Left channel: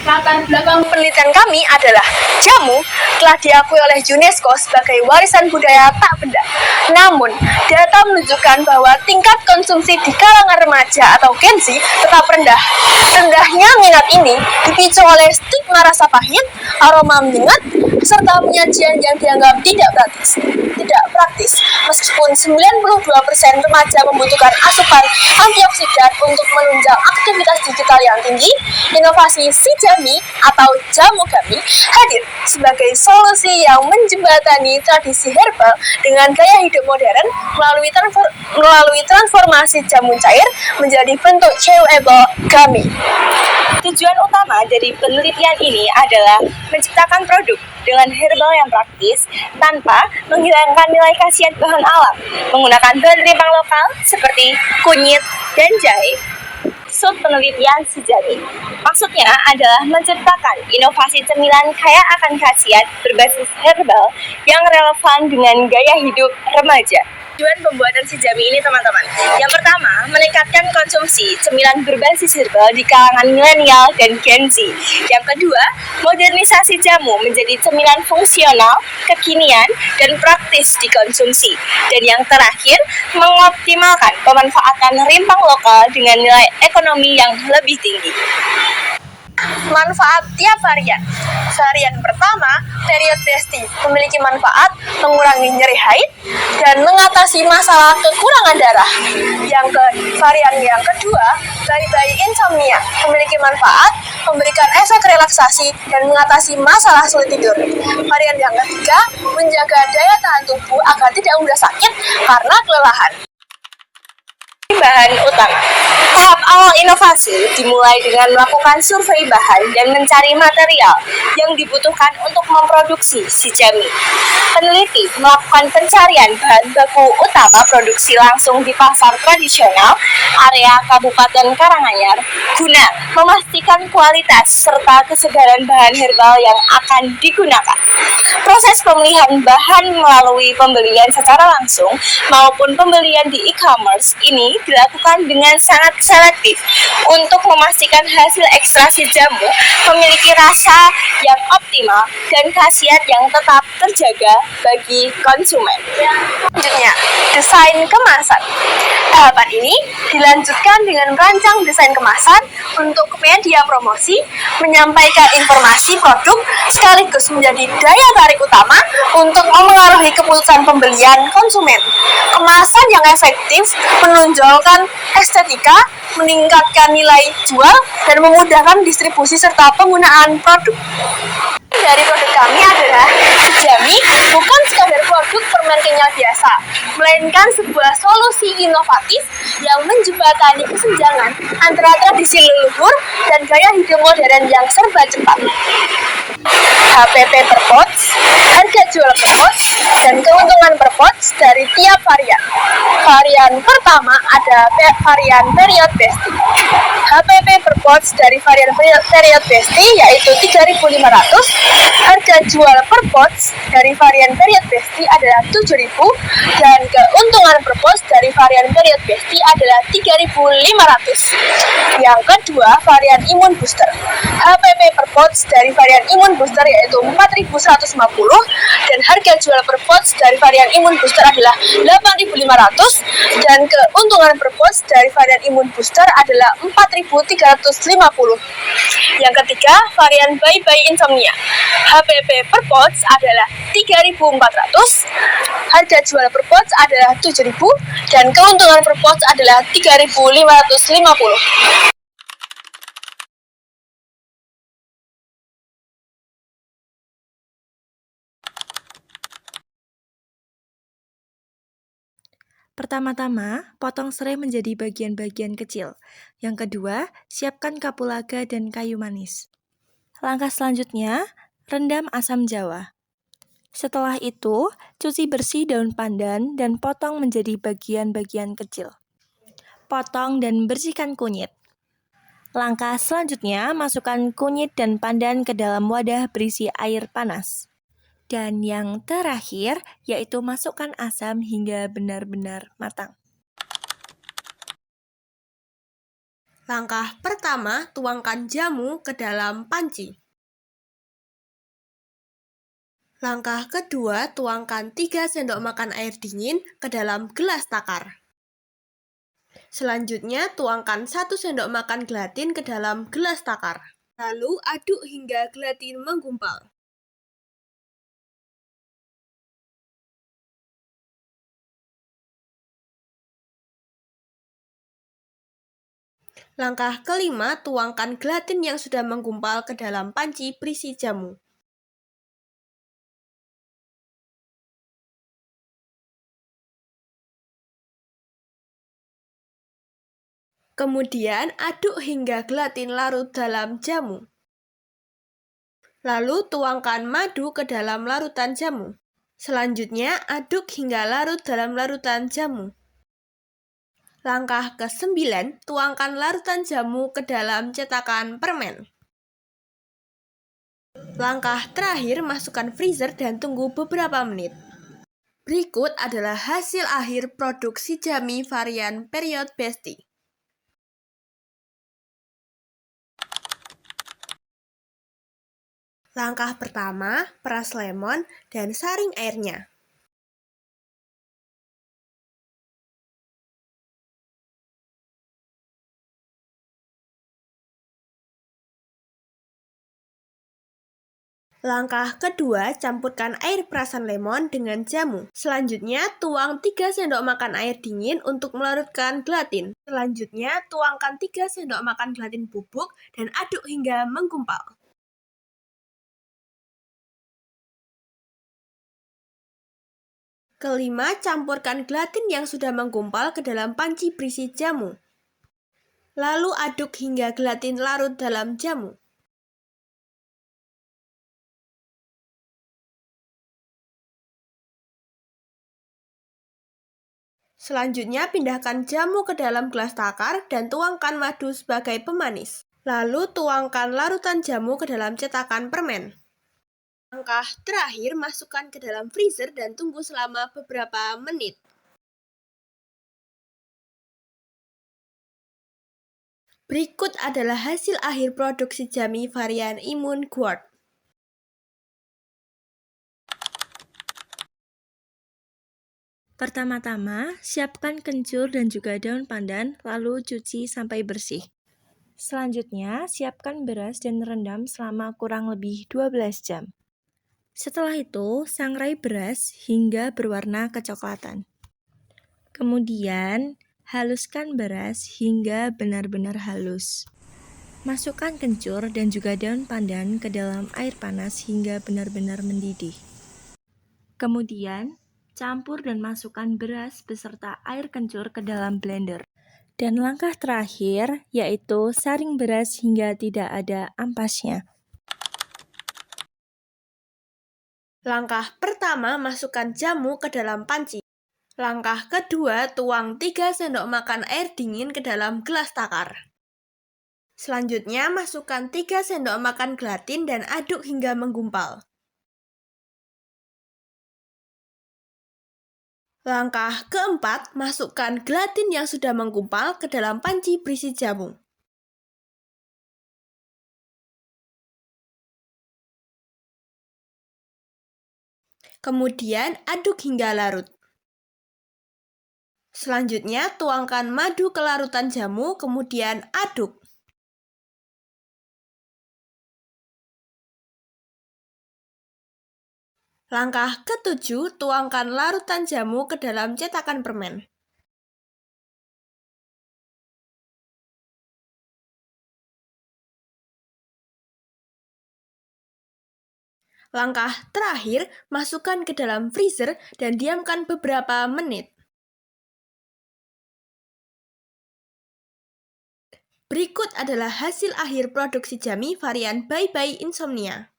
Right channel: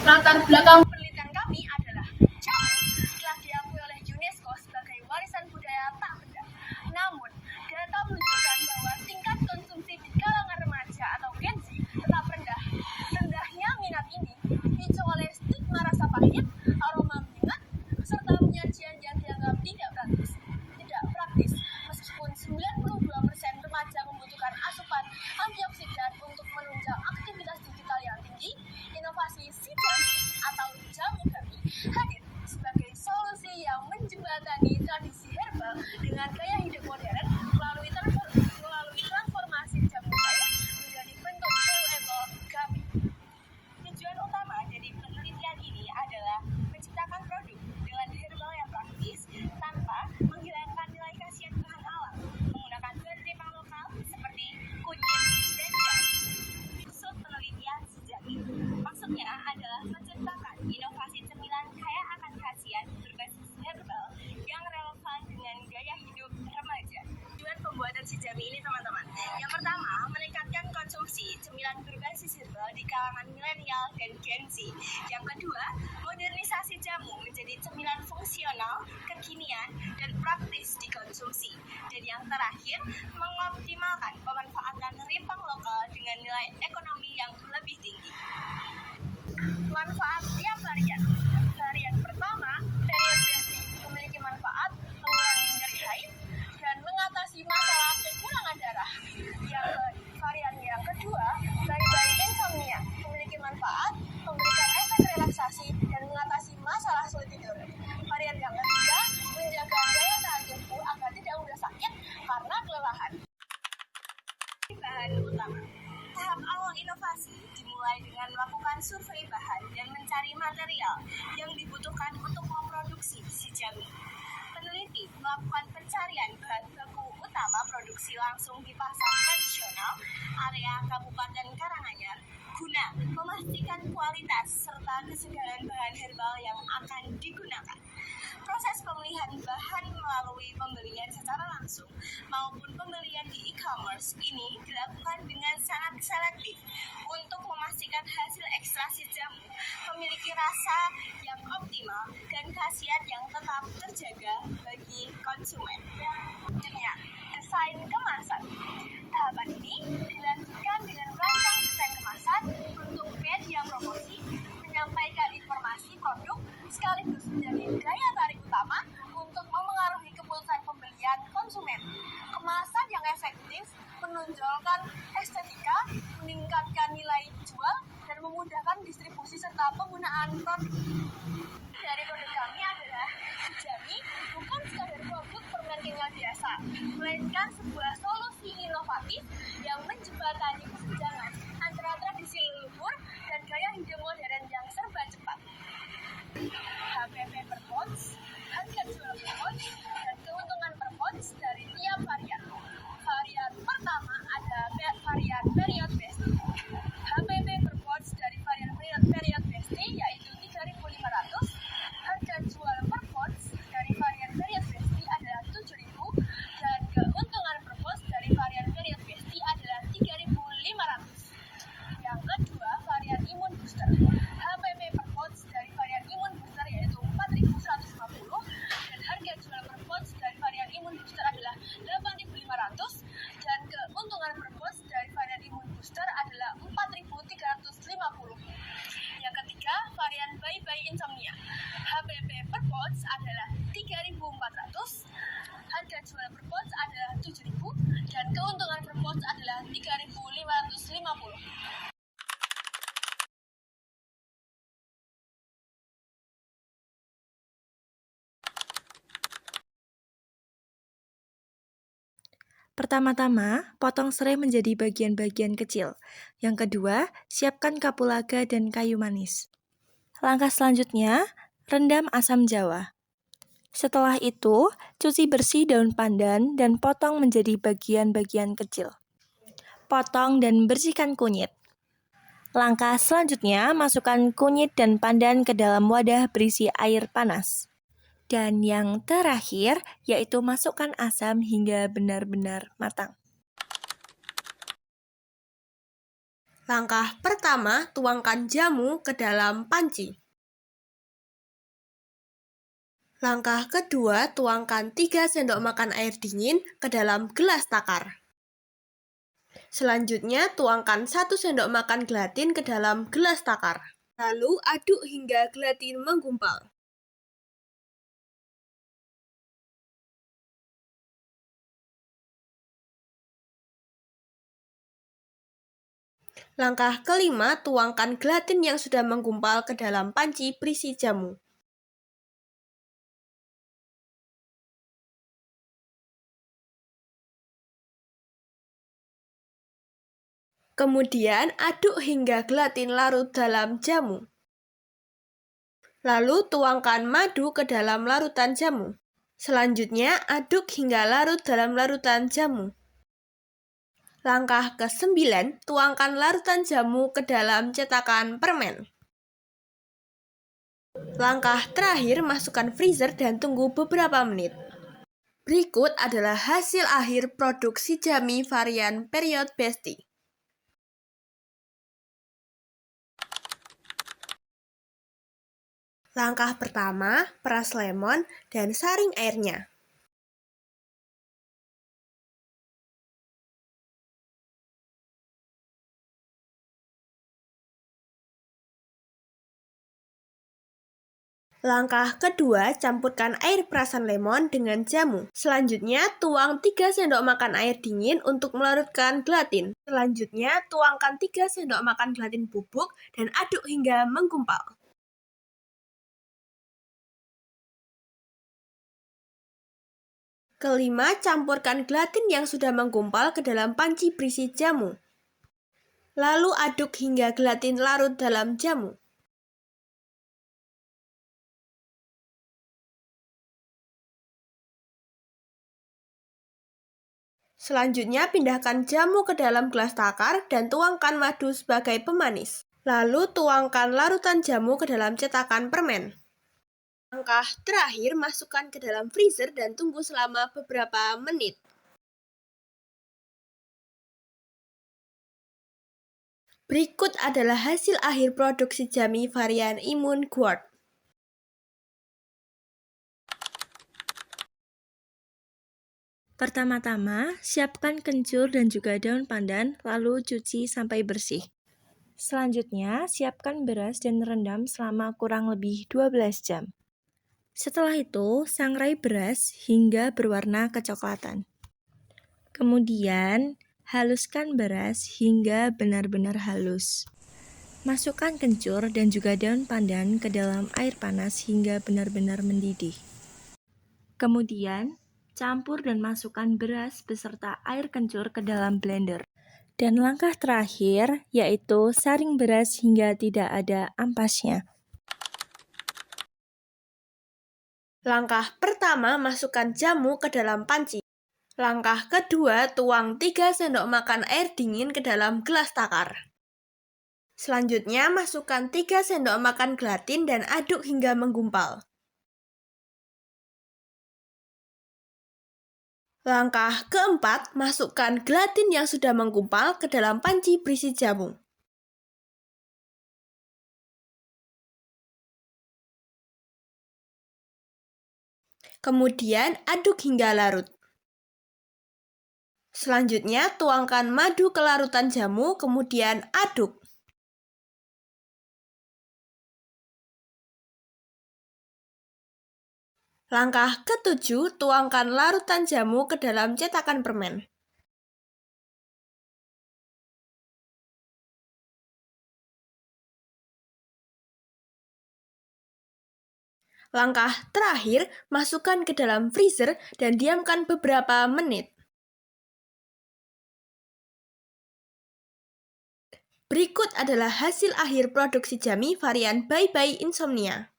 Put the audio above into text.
Latar belakang penelitian kami adalah jamu telah diakui oleh UNESCO sebagai warisan budaya tak benda. Namun, data menunjukkan bahwa tingkat konsumsi di kalangan remaja atau Gen Z tetap rendah. Rendahnya minat ini dipicu oleh stigma rasa pahit, aroma menyengat, serta penyajian yang dianggap tidak praktis. Meskipun 92% remaja membutuhkan asupan antioksidan untuk menunjang aktivitas digital yang tinggi, inovasi si Jami atau jamu Gami hadir sebagai solusi yang menjembatani tradisi herbal dengan gaya hidup modern melalui transformasi jamu cair menjadi bentuk chewable Gami. Tujuan utama dari penelitian ini adalah menciptakan produk dengan herbal yang praktis tanpa menghilangkan nilai khasiat bahan alam, menggunakan bahan rimpang lokal seperti kunyit dan jahe. Penelitian sejati maksudnya adalah menciptakan inovasi cemilan kaya akan khasiat berbasis herbal yang relevan dengan gaya hidup remaja. Tujuan pembuatan si Jami ini teman-teman, yang pertama meningkatkan konsumsi cemilan berbasis herbal di kalangan milenial dan Gen Z. Yang kedua, modernisasi jamu menjadi cemilan fungsional, kekinian, dan praktis dikonsumsi. Dan yang terakhir, mengoptimalkan pemanfaatan rimpang lokal dengan nilai ekonomi yang lebih tinggi. Manfaat tiap varian. Varian pertama, period Besti, memiliki manfaat mengurangi nyeri haid dan mengatasi masalah kekurangan darah. Varian yang kedua, bayi insomnia, memiliki manfaat memberikan efek relaksasi dan mengatasi masalah sulit tidur. Varian yang ketiga, menjaga daya tahan tubuh agar tidak mudah sakit karena kelelahan. Bahan utama. Tahap awal inovasi dimulai dengan melakukan survei bahan dan mencari material yang dibutuhkan untuk memproduksi si Jami. Peneliti melakukan pencarian bahan baku utama produksi langsung di pasar tradisional area Kabupaten Karanganyar guna memastikan kualitas serta kesegaran bahan herbal yang akan digunakan. Proses pemilihan bahan melalui pembelian secara langsung maupun pembelian di e-commerce ini dilakukan dengan sangat selektif untuk memastikan hasil ekstraksi jamu memiliki rasa yang optimal dan khasiat yang tetap terjaga bagi konsumen. Selanjutnya, desain kemasan. Tahapan ini dilanjutkan dengan merancang desain kemasan untuk media promosi, menyampaikan informasi produk sekaligus menjadi daya tarik utama untuk memengaruhi keputusan pembelian konsumen. Kemasan yang efektif menonjolkan estetika, meningkatkan nilai jual, dan memudahkan distribusi serta penggunaan produk. Dari produk kami adalah si Jami bukan sekadar produk permen kenyal biasa, melainkan sebuah solusi inovatif yang menjembatani kesenjangan antara tradisi leluhur dan gaya hidup modern yang serba cepat. HPP per pouch, harga jual per pouch, dan keuntungan per pouch dari tiap varian. Varian pertama ada varian period Besti. HPP per pouch dari varian period Besti yaitu 3.500. Harga jual per pouch dari varian period Besti adalah 7.000 dan keuntungan per pouch dari varian period Besti adalah 3.500. Yang kedua, varian imun booster. HPP per pouch dari varian imun booster yaitu 4.150 dan harga jual per pouch dari varian imun booster adalah 8.500 dan keuntungan per pouch dari varian imun booster adalah 4.350. Yang ketiga, varian bayi insomnia. HPP per pouch adalah 3.400, harga jual per pouch adalah 7.000 dan keuntungan per pouch adalah 3.550. Pertama-tama, potong serai menjadi bagian-bagian kecil. Yang kedua, siapkan kapulaga dan kayu manis. Langkah selanjutnya, rendam asam jawa. Setelah itu, cuci bersih daun pandan dan potong menjadi bagian-bagian kecil. Potong dan bersihkan kunyit. Langkah selanjutnya, masukkan kunyit dan pandan ke dalam wadah berisi air panas. Dan yang terakhir, yaitu masukkan asam hingga benar-benar matang. Langkah pertama, tuangkan jamu ke dalam panci. Langkah kedua, tuangkan 3 sendok makan air dingin ke dalam gelas takar. Selanjutnya, tuangkan 1 sendok makan gelatin ke dalam gelas takar. Lalu, aduk hingga gelatin menggumpal. Langkah kelima, tuangkan gelatin yang sudah menggumpal ke dalam panci berisi jamu. Kemudian, aduk hingga gelatin larut dalam jamu. Lalu, tuangkan madu ke dalam larutan jamu. Selanjutnya, aduk hingga larut dalam larutan jamu. Langkah ke-9, tuangkan larutan jamu ke dalam cetakan permen. Langkah terakhir, masukkan freezer dan tunggu beberapa menit. Berikut adalah hasil akhir produk Shijami varian period Besti. Langkah pertama, peras lemon dan saring airnya. Langkah kedua, campurkan air perasan lemon dengan jamu. Selanjutnya, tuang 3 sendok makan air dingin untuk melarutkan gelatin. Selanjutnya, tuangkan 3 sendok makan gelatin bubuk dan aduk hingga menggumpal. Kelima, campurkan gelatin yang sudah menggumpal ke dalam panci berisi jamu. Lalu aduk hingga gelatin larut dalam jamu. Selanjutnya, pindahkan jamu ke dalam gelas takar dan tuangkan madu sebagai pemanis. Lalu, tuangkan larutan jamu ke dalam cetakan permen. Langkah terakhir, masukkan ke dalam freezer dan tunggu selama beberapa menit. Berikut adalah hasil akhir produk Shijami varian Imun Guard. Pertama-tama, siapkan kencur dan juga daun pandan, lalu cuci sampai bersih. Selanjutnya, siapkan beras dan rendam selama kurang lebih 12 jam. Setelah itu, sangrai beras hingga berwarna kecoklatan. Kemudian, haluskan beras hingga benar-benar halus. Masukkan kencur dan juga daun pandan ke dalam air panas hingga benar-benar mendidih. Kemudian, campur dan masukkan beras beserta air kencur ke dalam blender. Dan langkah terakhir yaitu saring beras hingga tidak ada ampasnya. Langkah pertama, masukkan jamu ke dalam panci. Langkah kedua, tuang 3 sendok makan air dingin ke dalam gelas takar. Selanjutnya, masukkan 3 sendok makan gelatin dan aduk hingga menggumpal. Langkah keempat, masukkan gelatin yang sudah menggumpal ke dalam panci berisi jamu. Kemudian aduk hingga larut. Selanjutnya, tuangkan madu ke larutan jamu, kemudian aduk. Langkah ketujuh, tuangkan larutan jamu ke dalam cetakan permen. Langkah terakhir, masukkan ke dalam freezer dan diamkan beberapa menit. Berikut adalah hasil akhir produk Shijami varian Bye Bye Insomnia.